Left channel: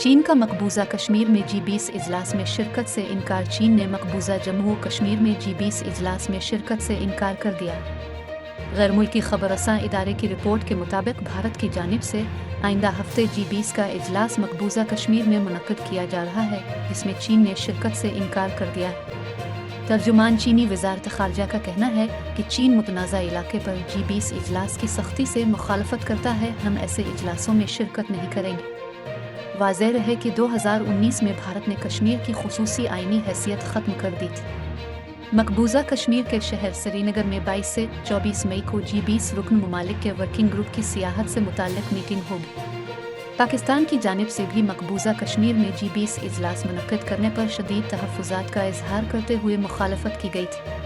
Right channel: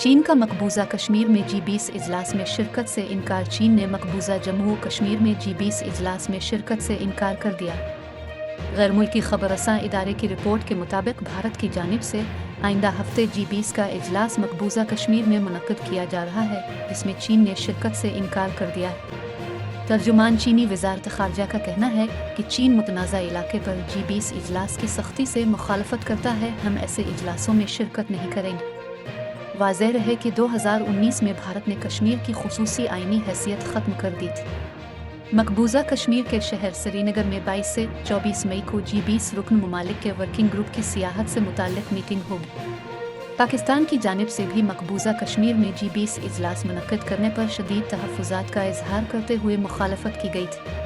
चीन का मकबूजा कश्मीर में G20 इजलास में शिरकत से इनकार। चीन ने मकबूजा जम्मू कश्मीर में G20 इजलास में शिरकत से इनकार कर दिया। गैर मुल्की खबरसां इदारे की रिपोर्ट के मुताबिक भारत की जानिब से आइंदा हफ्ते G20 का इजलास मकबूजा कश्मीर में मुनक्किद किया जा रहा है, जिसमें चीन ने शिरकत से इनकार कर दिया है। तर्जुमान चीनी वजारत खारजा का कहना है कि चीन मुतनाज़ा इलाके पर G20 इजलास की सख्ती से मुखालफत करता है। हम ऐसे इजलासों में शिरकत नहीं करेंगे। वाज़ेह रहे कि 2019 में भारत ने कश्मीर की खुसूसी आइनी हैसियत ख़त्म कर दी थी। मकबूजा कश्मीर के शहर श्रीनगर में 22 से 24 मई को G20 रुकन ममालिक के वर्किंग ग्रुप की सियाहत से मुताल्लिक मीटिंग होगी। पाकिस्तान की जानिब से भी मकबूजा कश्मीर में G20 इजलास मुनक्किद करने पर शदीद तहफ़्फ़ुज़ात का इजहार करते हुए मुखालफत की गई थी।